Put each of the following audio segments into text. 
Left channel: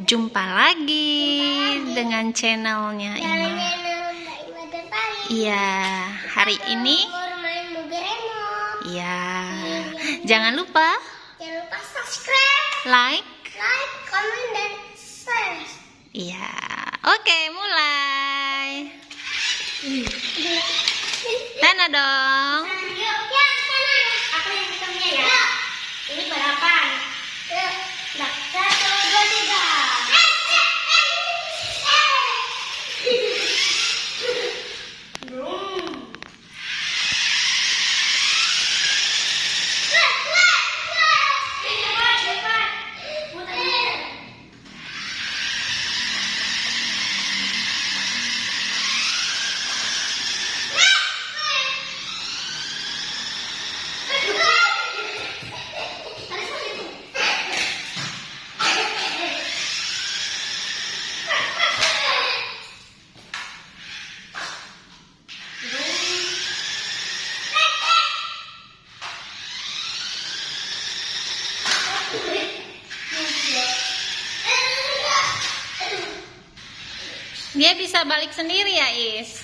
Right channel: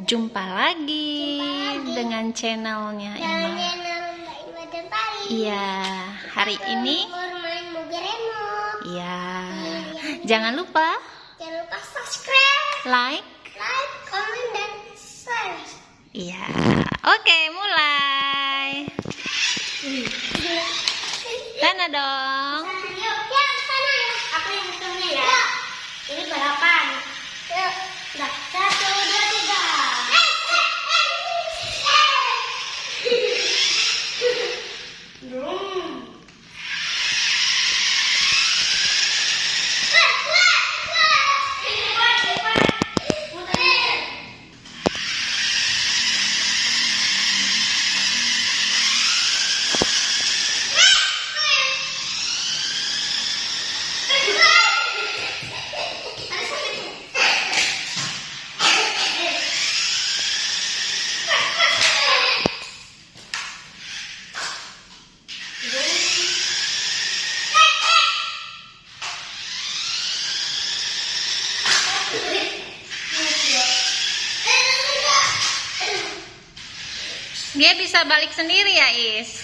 Jumpa lagi dengan channelnya Ima. Iya, hari ini iya. Jangan lupa subscribe, like, comment, dan share. iya. Oke, mulai. Sana dong. Yuk, ya sana ya. Aku yang hitungnya ya. Ini balapan. Yuk, dah. 1, 2, 3. Dia bisa balik sendiri ya, Is.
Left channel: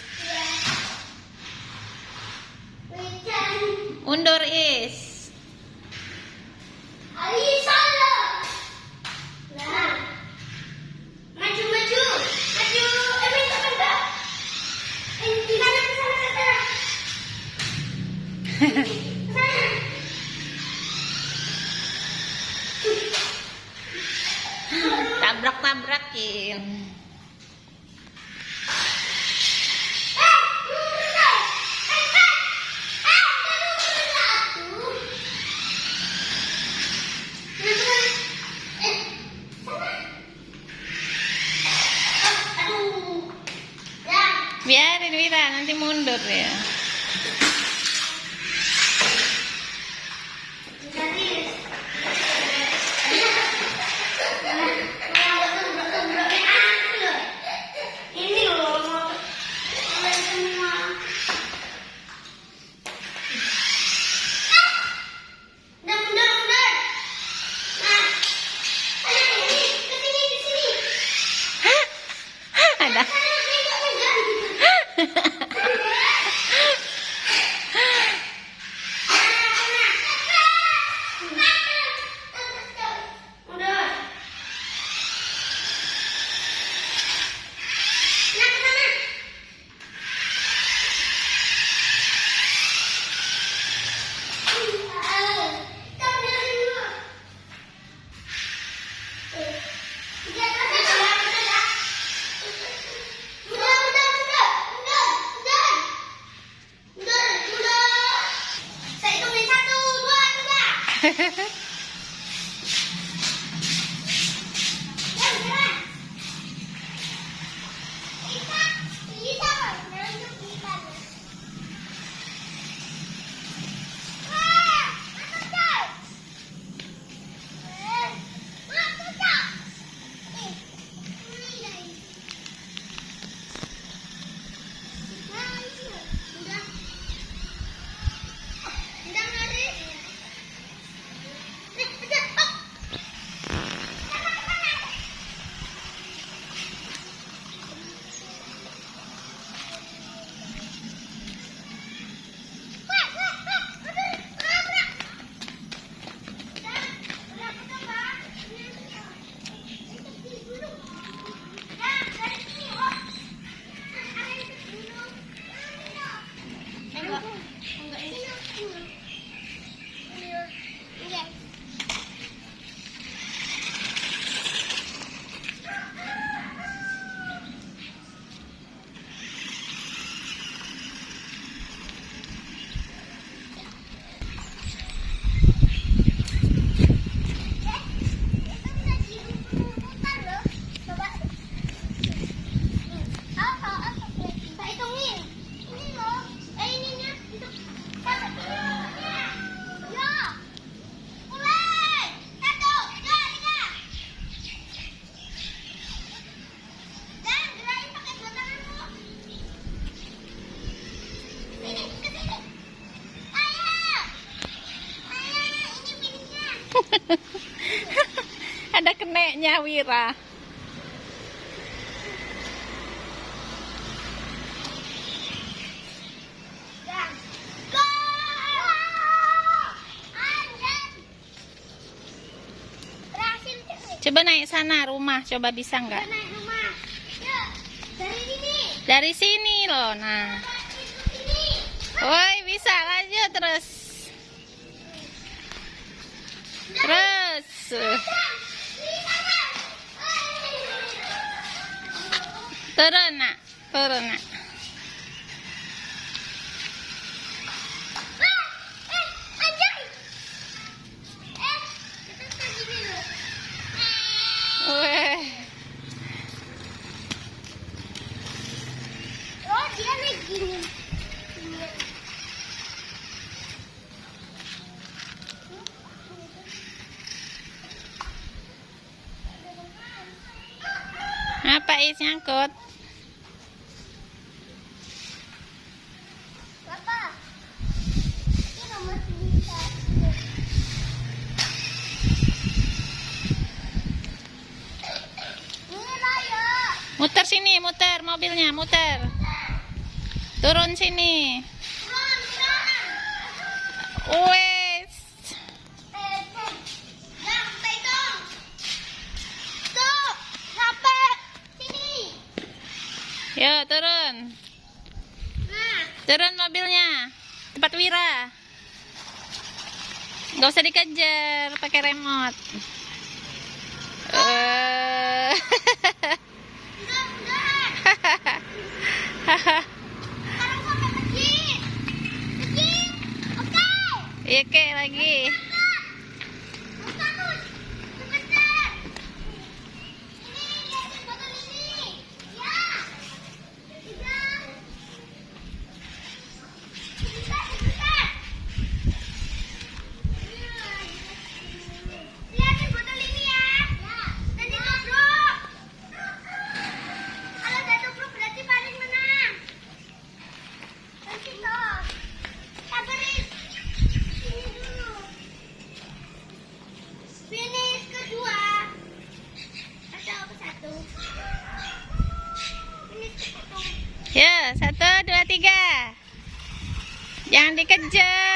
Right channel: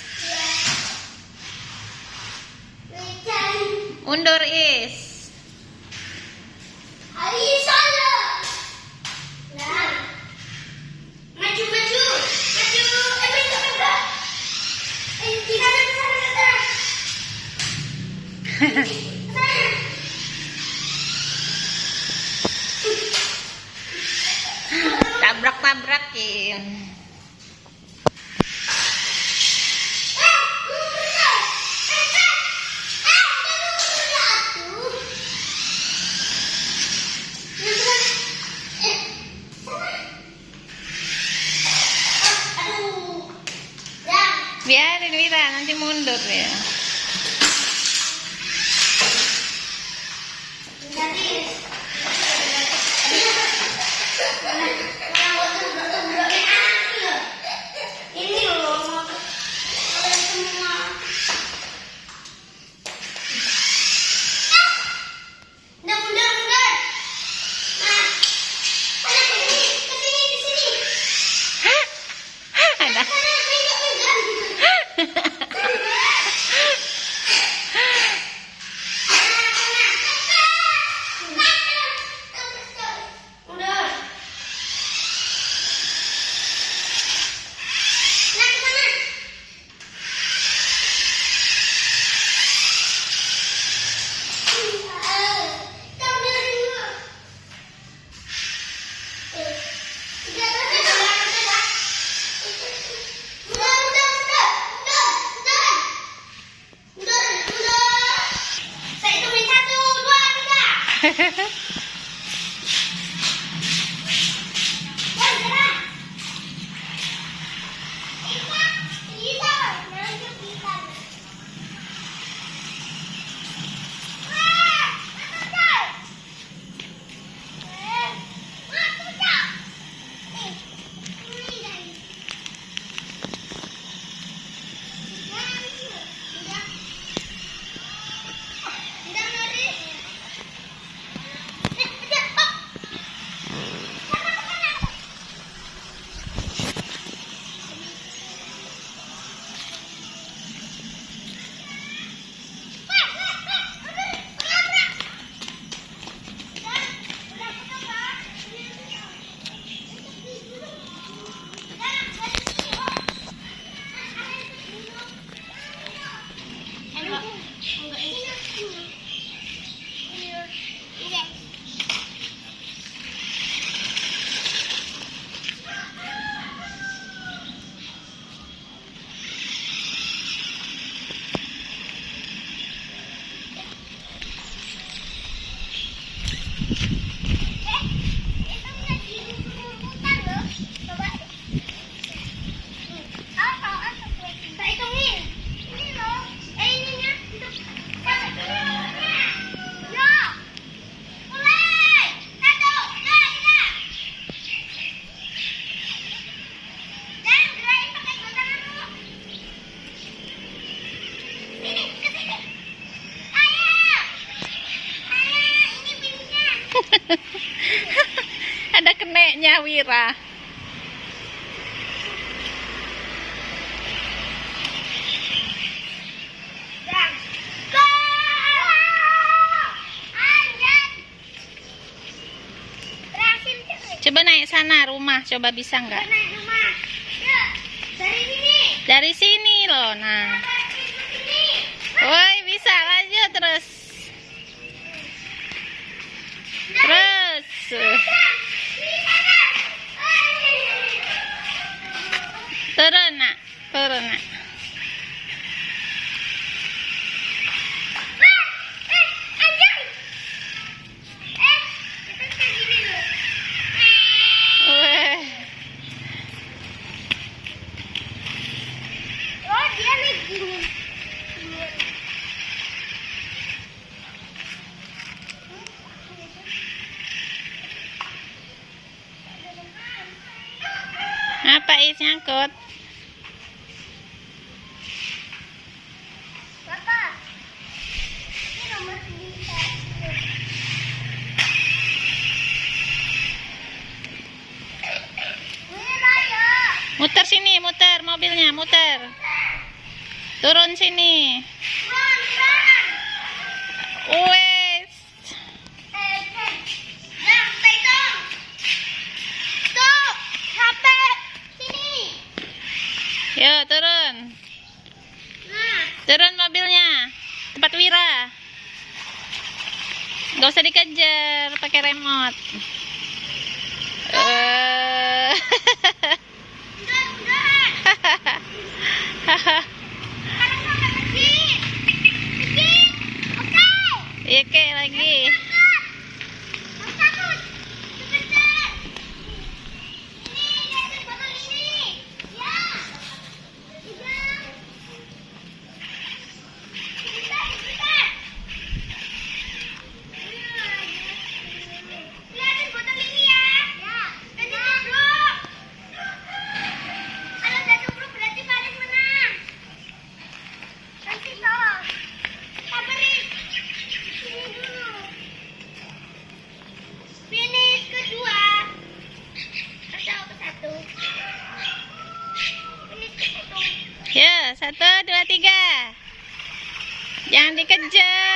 Undur, Is. Tabrak-tabrakin. Biarin Wira, nanti mundur ya. Ini loh. Mundur. Nah, ayo ke sini. Ada. Saya hitungin 1, 2, 3. Ada keneknya Wira. Coba naik sana rumah, coba bisa Kita nggak? naik rumah. Ya, dari sini. Dari sini loh, nah. Dari sini. Woi, bisa lanjut terus. Terus. Turun, nak. Turun, nak. Weh. Oh, dia naik dingin. Apa is nyangkut? Bapak, ini nomor 91. Ini Raya. Muter sini, muter mobilnya, muter. Turun sini. Run, run. Wes. Yang pegang. Stop. Sampai sini. Yo, turun. Turun mobilnya. Cepat Wira. Gak usah dikejar pakai remote. Udah. Sekarang sampai masjid. Masjid. Oke. Iya, kayak lagi. Yang takut. Sebentar. Ini, lihatin botol ini. Ya. Tidak. Sebentar. Lihatin botol ini ya. Ya. Nanti tubruk. Kalau udah tubruk berarti Faris menang. Nanti toh. Sabarin. Sini dulu. Finish kedua. Atau ke satu. Finish ke satu. Ya, 1, 2, 3. Jangan dikejar.